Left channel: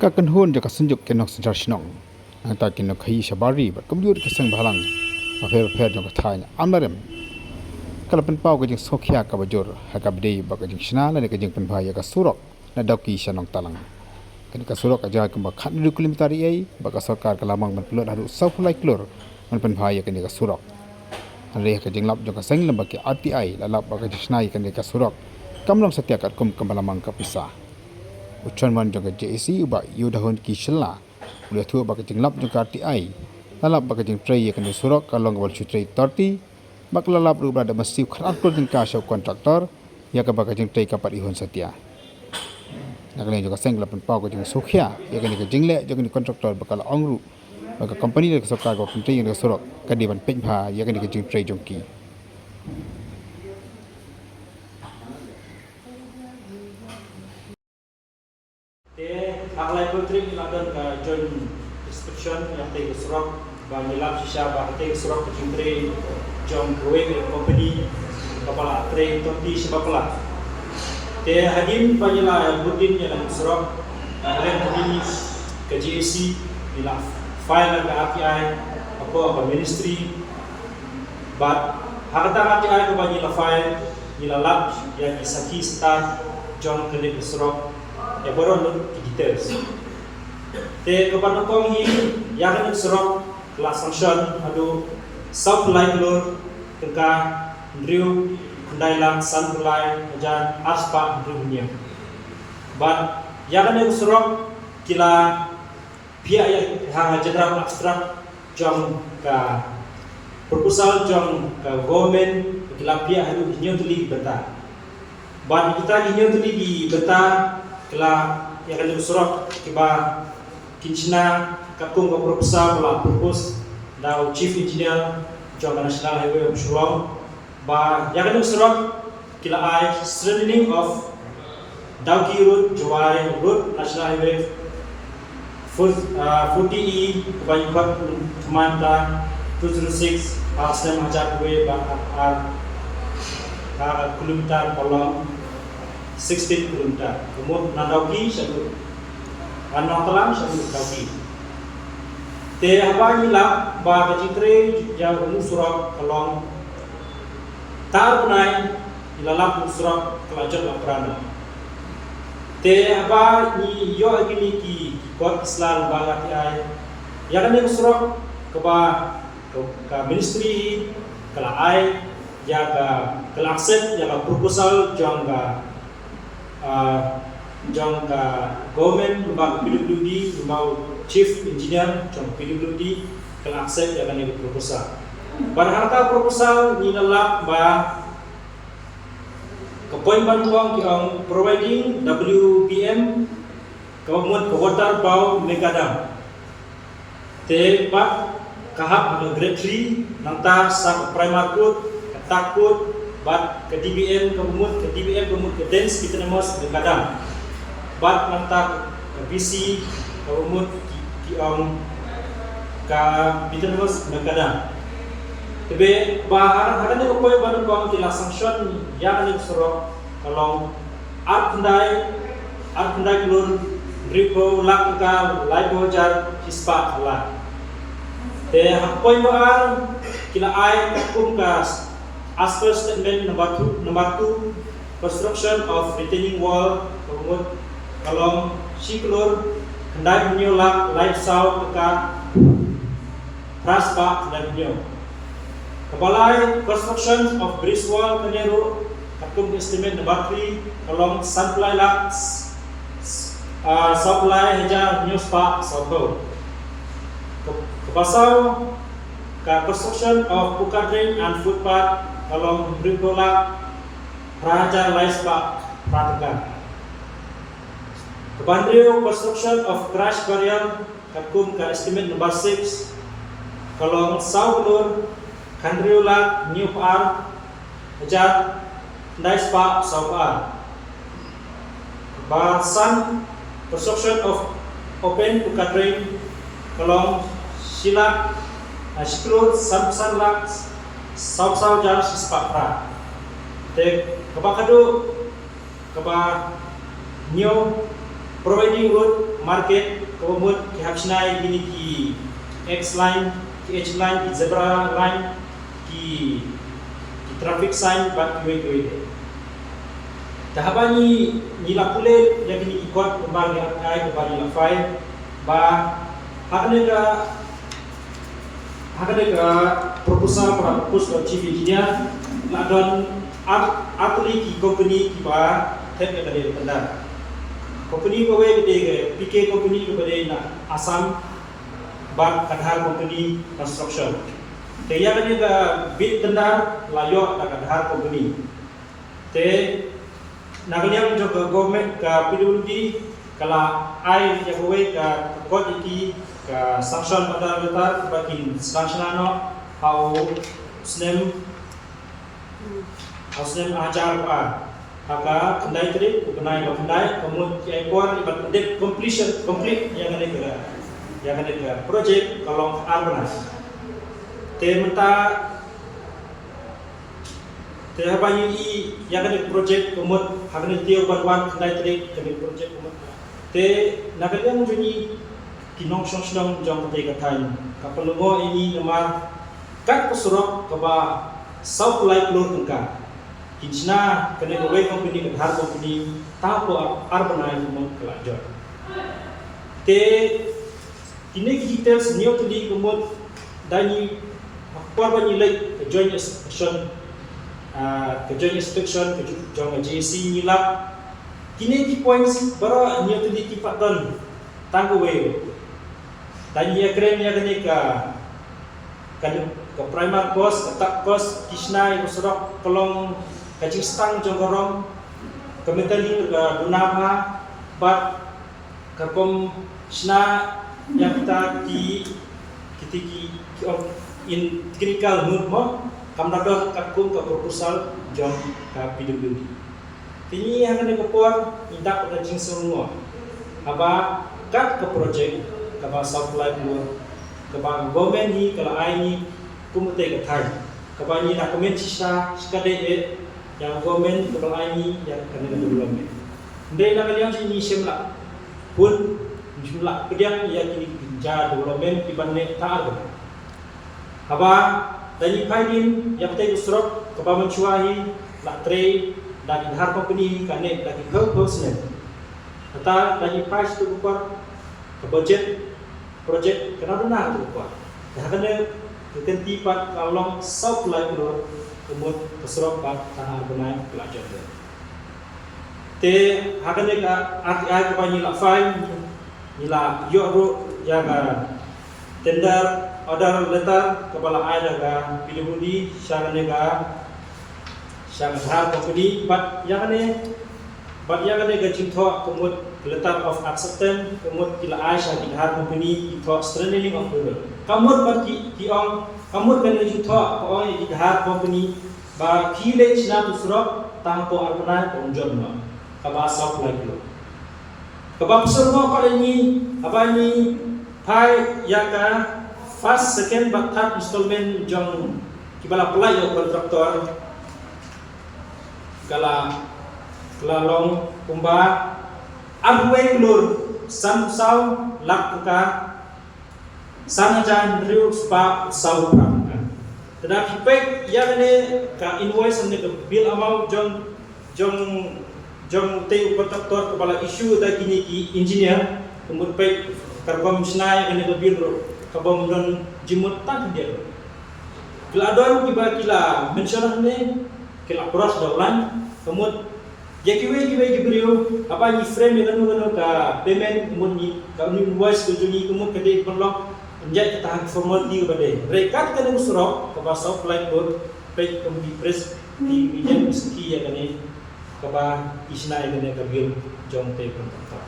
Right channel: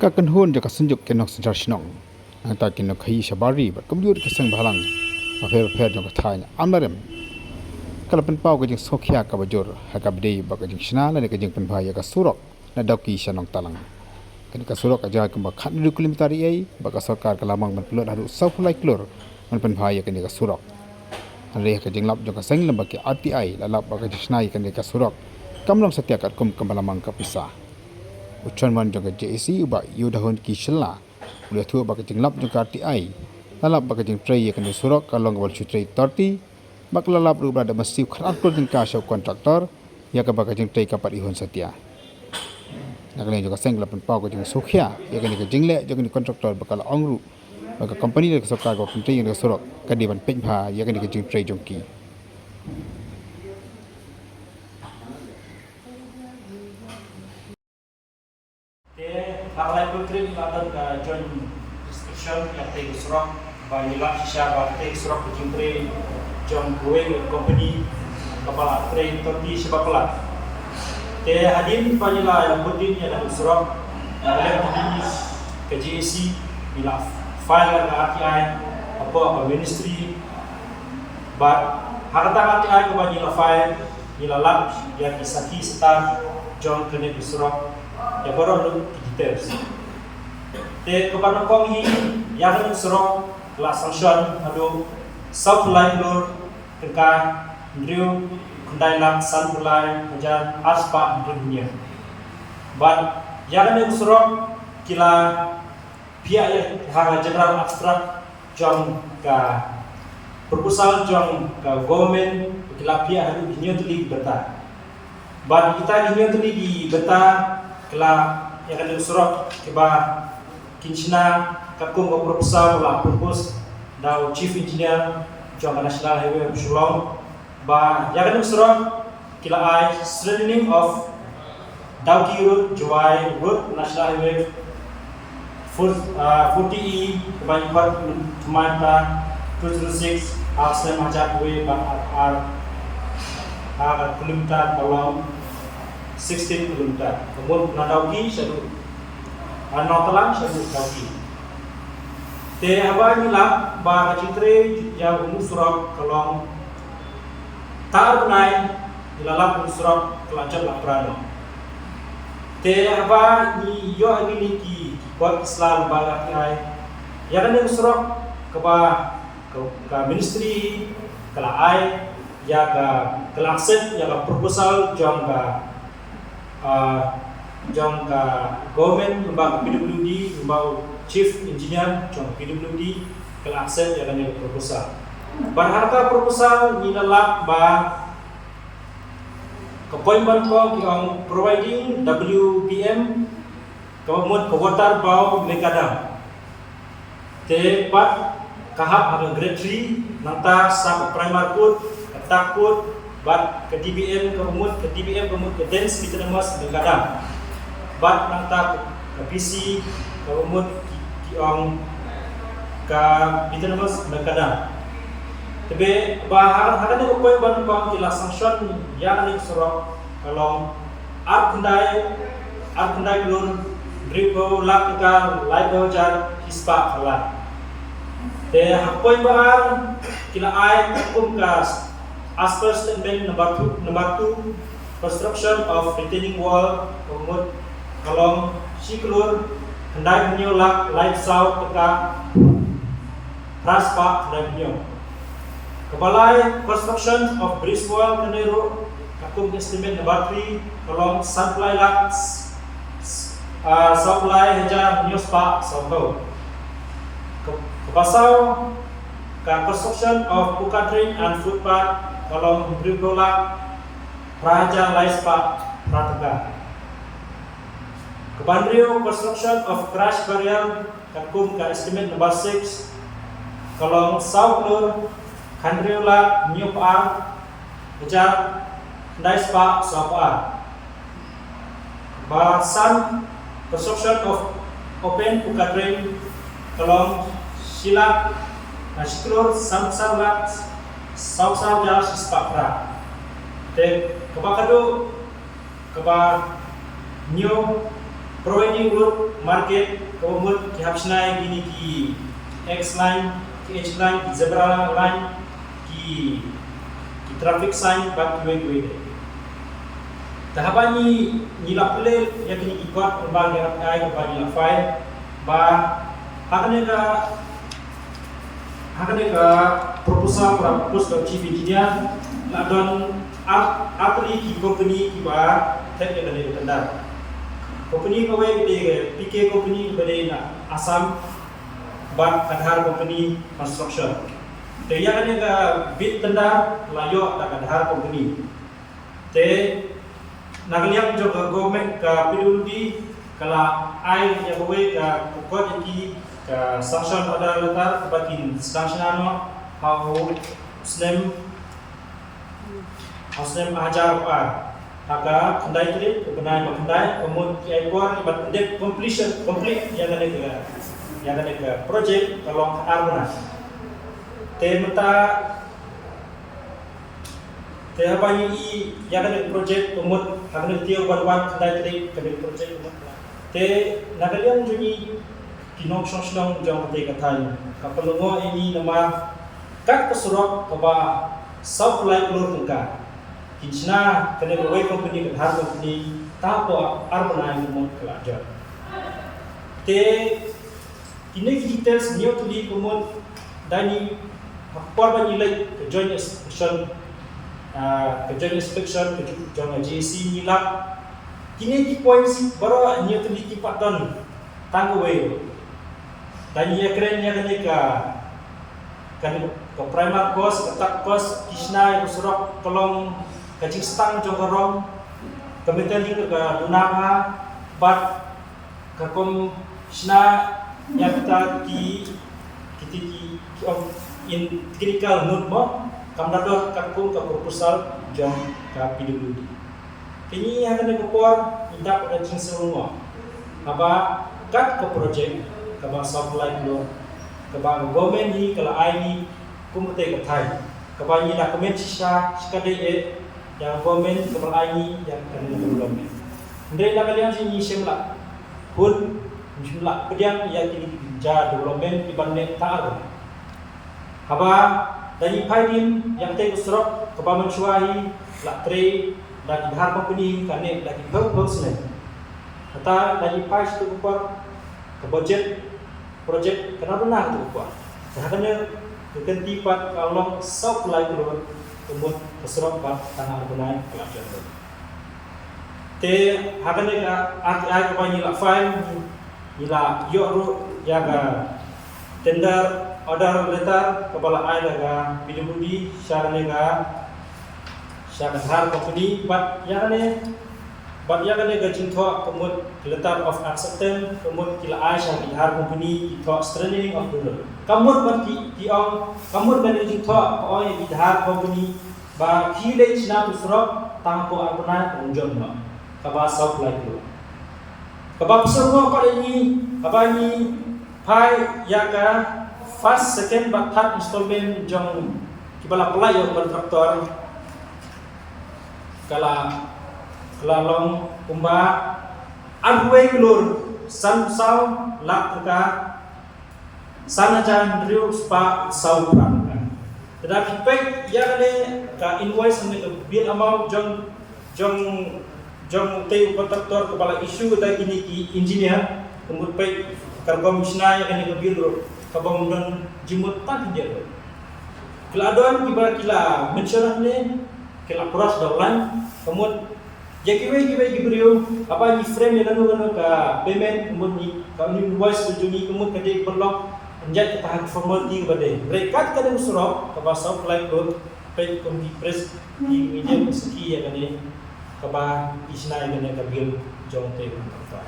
Kakan hun jaka senjuk kenok sejar sinong. Nanta kenok khai sabari bat komjur keseng balang. Afer jaka thai amarem. Kalau penpau ke jeng sokhia ka bajur hakab dei ba ke jeng snala ne ke jeng penbaya ka surok na dauki sanong talang. Kan ka surok aja ke ba khat 2 kilometer ai ba ka sarkar ka lamang man pelot haru saulai klor man penbaya ke ka surok. Hari ke jeng lap jaka seng lamba ke RTI lalap ba ke jeng snai ke ka surok. Kamlong setia kat kum kemalamang ka pisah. Uchan man jaka JAC ba yudahun ki shella ulah thu ba ke jeng lap jaka RTI lalap ba ke jeng tray ke surok kalong wal chutrai 30 bak lalap rubra da masih kharat ko jeng ka show kontraktor ya ka ba ke jeng tray kapat ihon setia nakane juga seng lapan pau ke jeng sokhia ya ke jeng le jeng kontraktor bakal ongru ba company le sokar ko tray ke surok ka di ban pekha ya ke jeng tray jongki Aklai putri iladan ka joint description yang teh surok ba nilap sisa ba teh surok kecimbre John Growing Company kepala tray toti sebapala te hadin panjela yang budin yang surok dalam begini ke JAC bila file ke RTI apa ministry but hakata RTI ke bagi la file nila lab ya kisaki star John kene surok ya baru untuk details. Te kepada kong hi yang serok kelas sanction adu South Line lor tengkai Andrew Kundai lang San Kulai majan Arspa dunia. But yang serok kila pihak yang general abstrak jong ka proposal jong ka government kila pihak adu hinyo tuli beta. But kita hinyo tuli di beta kala yang akan surok kiba kinchina kakum ko proposal la propose now chief engineer John National Highway of Shillong ba yang akan surok kila ai strengthening of Dauki Road Jawai Road National Highway 40E kebanyakan Kemanta 206 Aksem Hajat Way ban kilometer along 16 km. Kemudian Nandauki satu, Nontalang satu Dauki. Te apa ni lah bah kecitre jauh musurak kalong tahu naik ilalap musurak kelajat lah perano. Te apa ni yo agini ki kuat Islam bagat ai. Ya kan musurak ke ministry ke ai ya ke accept ya ke proposal jang ke government lembaga PWD lembaga chief engineer jong PWD kalau accept ya kan proposal. Barangkali proposal ni lalap ba kepoinban ko kiong providing WBM kemudian water bau megadam. Te pat kahap ada grade 3 nanta sa primary code ketakut bat ke DBM kemudian ke dance kita namas kadang bat nanti ke PC kemudian kiong ke kita namas kadang tapi bahar ada ni upaya baru kong kila sanction yang ni surok kalau art kendai kelur gripo lakka laibo jar hispa khala te upaya bahar kila ai takum kas as per statement number 2 construction of retaining wall kemudian kalong siklur kendai punyo lak light south teka praspa kendai punyo kebalai construction of bridge wall kenero akum estimate number 3 kalong supply lak supply hejar new spa south kepasau ka construction of buka drain and footpath kalau berdola Raja Laispa Pratukan Kebandrio construction of crash barrier kakum ka estimate number 6 kalau South Lur Kandriola New Park Raja Laispa South Park Kebasan construction of open buka drain kalau Silak Siklur Samsang Sau jar sispa te kaba kado kaba new providing road market komod ki hapsnai gini ki X line, ki H line, ki zebra line, ki traffic sign bat kiwe de. Tahabani nila pule ya kini ikot kembang ya ai ko bani la file ba hakane ka proposal para propose to chief engineer la don atli ki company ki ba tek ya kene tendar. Company ko we gede ke PK company ko bade na Assam ban Kadhar company construction. Te ya kene ka bid tendar layo da Kadhar company. Te nagaliang juga government ka PWD kala ai ya kowe ka kod iki ka sanction pada letar bakin sanction ano how snem ajar haka kendai tri benai kendai kemudian ekor ibat pendek completion complete yang ada ke project kalong arbana te menta te banyu I yang ada project kemud hagane tio banwan kendai tri kene project kemud te nagaliang juni kinong song jong te katai kapalungo ini nama kat pesurok kaba South Light Lur tengka kinchna kene kowe company Kadhar company tapo arbana mong kalajon te kini details new tuli kemud dani hapor banyi lay ke joint inspection ke jong JC nilap kini di points baru new tuli tipat don tangguwe dani ya keren ya kene ka primer cost ka tak cost kisna yang surok kolong kacing stang jong korong kementali ka dunapa bat ka kom sna yang kita in critical mood mo kamdadot kakung ka proposal jong ka PWD kini yang ada kopor indak pada jing serungo aba kat ke project ka ba supply Lur ka ba government ni kala ai ni kumute ka thai ka ba ni na comment sisa skade yang government ka ba ai ni yang kana development ndai na kalian ni semla pun jumlah pediang yang kini pinja development ibane taar haba dari paidin yang tei usrok keba mencuahi la tre dan Kadhar company kane lagi purpose kata dari pais tu kupar ke budget project kena benar tu kupar hakane kekenti pat kalong South Light Lur umut usrok pat tanah benai pelajar tu te hakane ka RTI kebani la file ila yoru yaga tender order letter kepala ai daga PWD syaranega Kadhar company but yagane ga jingtho komod letter of acceptance komod kila ai Kadhar company itho strengthening of the road kamod ban ki ong kamod kan jingtho ko ai Kadhar company ba kile chna usrok tangko arpana konjon no kaba South Light Lur kaba semua pada ini apa ini pai yaga first second but third installment jong kibala pelayo kontraktor kala long umba adway Lur san sau lakka sanajan driu spa sau pramka tetapi pai yaga ka invoice and the bill amount jong teu kontraktor kepala isu da kini ki engineer kumut pai karkom snai kene ko bill kabam don jimut tak dia kila adon kiba kila mention ne kila cross dolan kumut yakiwe gibriu apa ni frame yang kanu ka payment kumut ni ka invoice ko juni kumut kade perlok anjat kita hak formality kebade rekat kade usro ka South Light Lur pai kom di press di media meski ya kane kaba isna yang kena kabil jong te kontraktor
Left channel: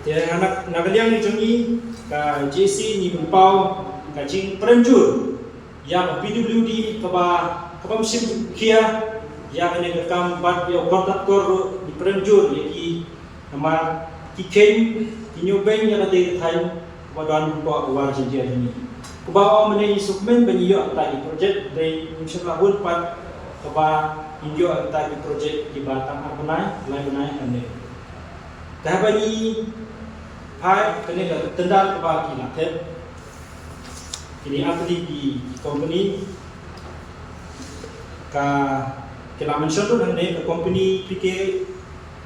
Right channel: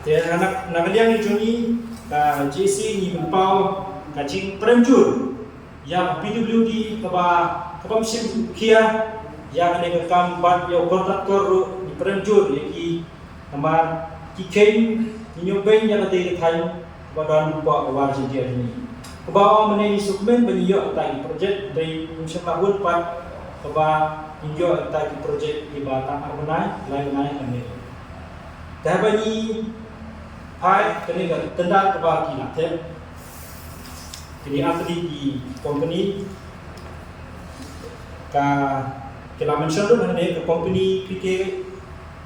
dia anak nagaliang ni jongi ka JC ni berpau kacing perenjur yang PWD kaba mesin kia yang kena kam bat dia kontraktor di perenjur yaki nama kiken kinyoben yang ada di thai badan lupa awal dia ini kubawa meneni sukmen banyo tadi project dari insyaallah pat keba indio kita di projek di Batang Armanai lain benai kan dia. Dah bagi hai kene ga tenda ke bagi latep. Ini atli di company ka kila mention tu hane ke company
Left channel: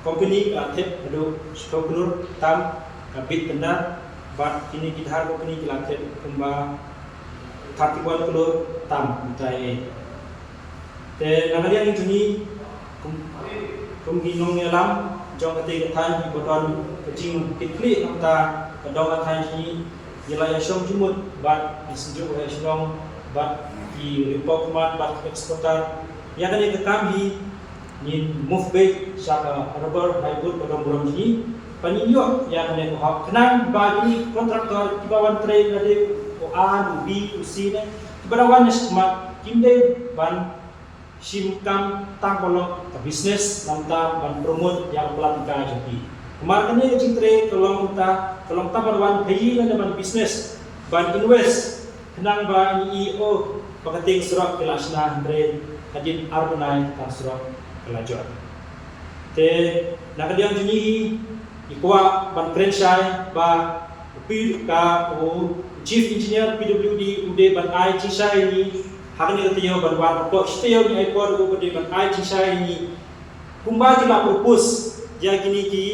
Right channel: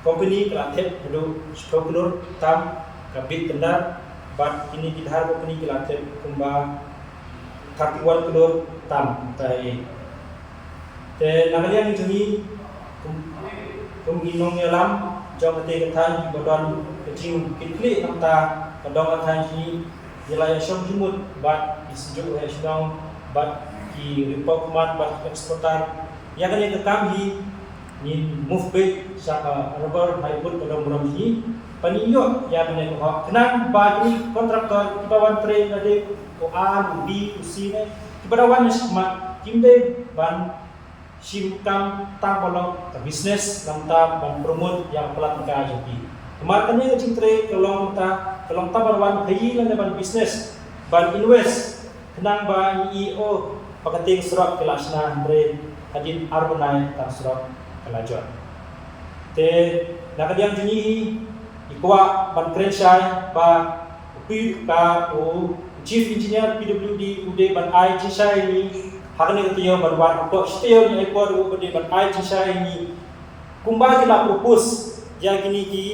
company ke latep do spokenur tam ka bit tenda bat kini kidhar company ke latep kumba 31 kelur tam tai te nagalian ini ginong ngelam jong ate katai bodon kecing kikli namta kadong katai ni yelaya syong jumut bat disejuk oleh syong bat ki report mat bat eksportar yang kan yang kami ni move back saka rubber hybrid bodong bodong ni paninyo yang kan yang ko kenang bagi kontraktor di bawah train ada o A B C ne di bawah ni smart kimde ban simkam tang bolong ke bisnes namta ban promote yang pelatika jadi kemarin ni kecing tre tolong tabarwan pay lan ban bisnes ban invest kenang ban EO pakating surat kelasna tre hajin arbanai ta surat kelajuan te nakadiang junyi ikwa ban krensai ba upi ka o chief engineer PWD ude ban IG sai ni hakni ketiyo berwarna apa setiyo ni ekor ubede ban IG sai ni kumba kita propose ya kini ki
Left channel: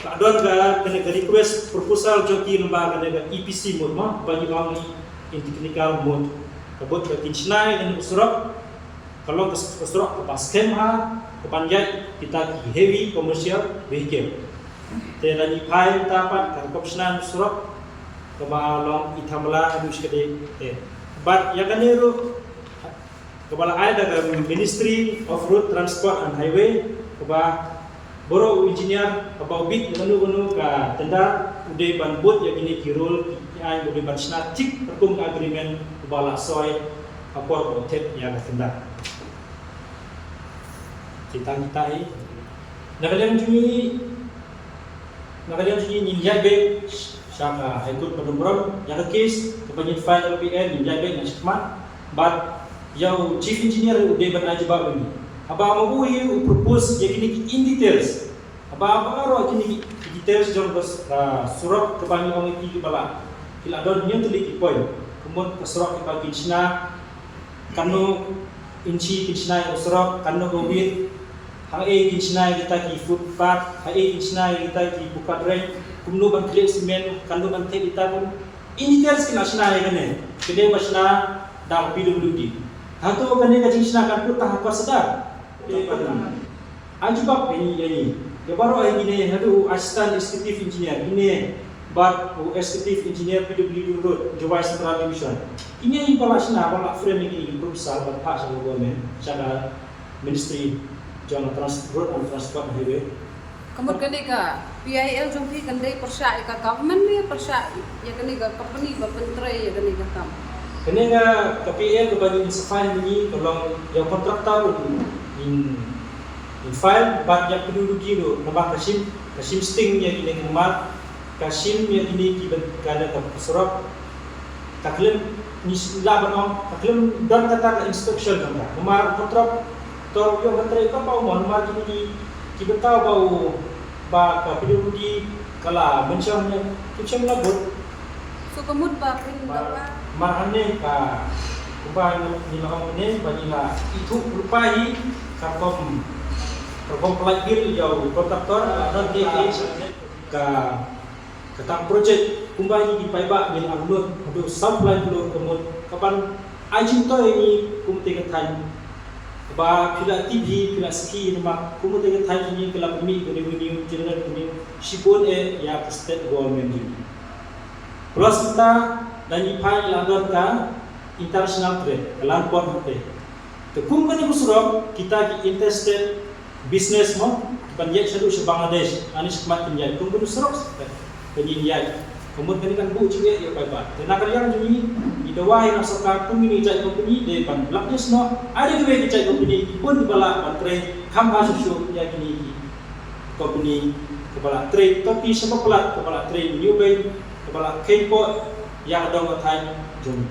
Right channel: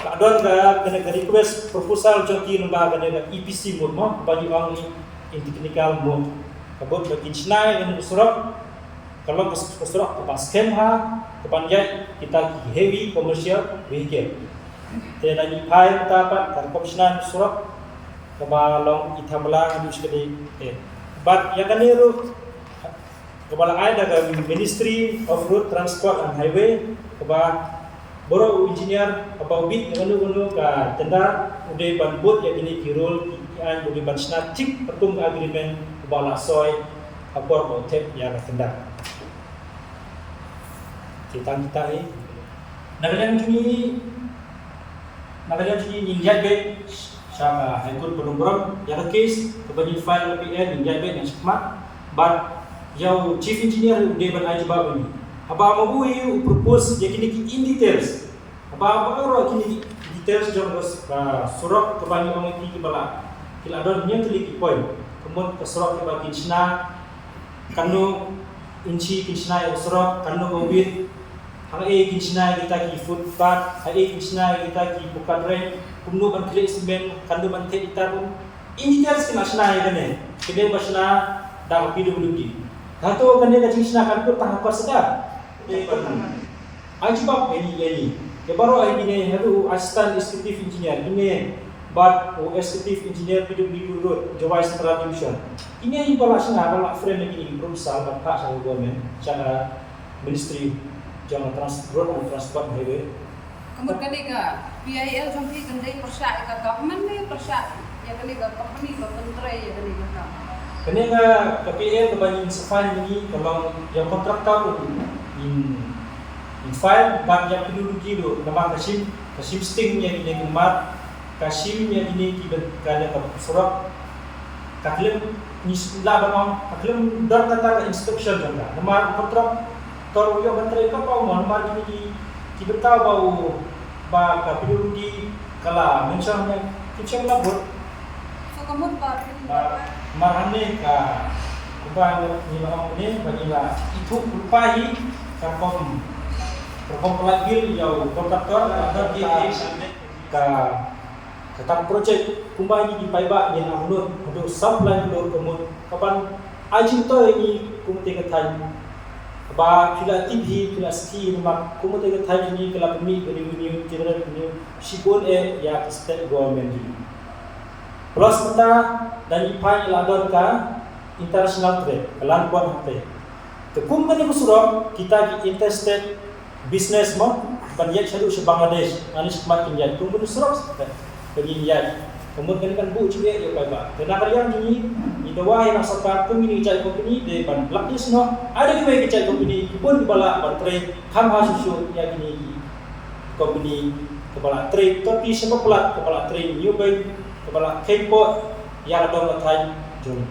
kadon ga kena request proposal joki lembaga kena EPC mode mah bagi wang ni in technical mode kabut bagi snai kena usurok kalau usurok ke baskem ha ke panjat kita ki heavy commercial vehicle te dani file tapat karkopsnan usurok ke balong itamla adus kede but yang kan itu kepala ada ke Ministry of Road Transport and Highway keba boro engineer apa bit yang anu ke tenda udah ban bot yang ini kirul yang udah ban snatik perkum agreement kebala soy akor botet yang tenda kita ini nakalian juni ninjat be saka ikut penumburan yang case kebanyakan file LPN ninjat be yang smart but yang chief engineer udah ban aja bawa ini aba mau propose ya kini in details aba ro kini details jong surat kebanyakan itu kepala kila don yang teliti point kemudian ke surat ke bagi sna kanu inci kinsna yang surat kanu gowit hang kinsna kita ki footpath kinsna kita ki bukan rent kumno ban kle semen kanu ban te ita pun in details kina sna ya kene kede basna dang PWD Hato kene ka jingsna kan ko tahap sedang. Ajibak ini. Ya baru ini hadu assistant executive engineer ini bat executive engineer PWD Road Jawai Central Division. Ini bala sna bala frame ini proposal bat hak sa government sana Ministry Jong Transport and Transport Highway. Kemudian kene ka PIL jompi kandai persa ka government ni persa ya kene ka company ba pentre ya kene ka Kena KPL kebanyakan file ini kalau yang kontraktor in file bab yang penduduk itu nama Kasim Sting yang ini kemat Kasim yang ini kita surat kaklem ni laban on kaklem don kata ke inspection juga nama kontraktor yang kata itu apa nama ini kita tahu bau ba penduduk kala mentionnya kita labur so kemudian marane ka ubay nila ini banila itu berupai karkom pelat bil jauh kontraktor dan dia ka katang project kumbay ini dipaiba bin amnut adu supply dulu kemudian kapan ajin to ini kumute kathan ba pila TV pila ski nama kumute kathan ini kala pemi revenue general revenue sipun ya state government ini plus kita dan ipai ladon ka international trade kelan kuat hate to kum kan surau kita ki interstate business mo panjat sadu se Bangladesh ani semat pinjat kum kan surau penjinjat kemudian kan bu juga ya pai dan nakarian ini di dawai nak sakar kum ini jai company de pan blaknya sno ada juga jai company pun bala ban trade kam ha susu ya gini company kepala trade tapi sebab pelat kepala trade new bay kepala K-port yang ada ngatai Juni.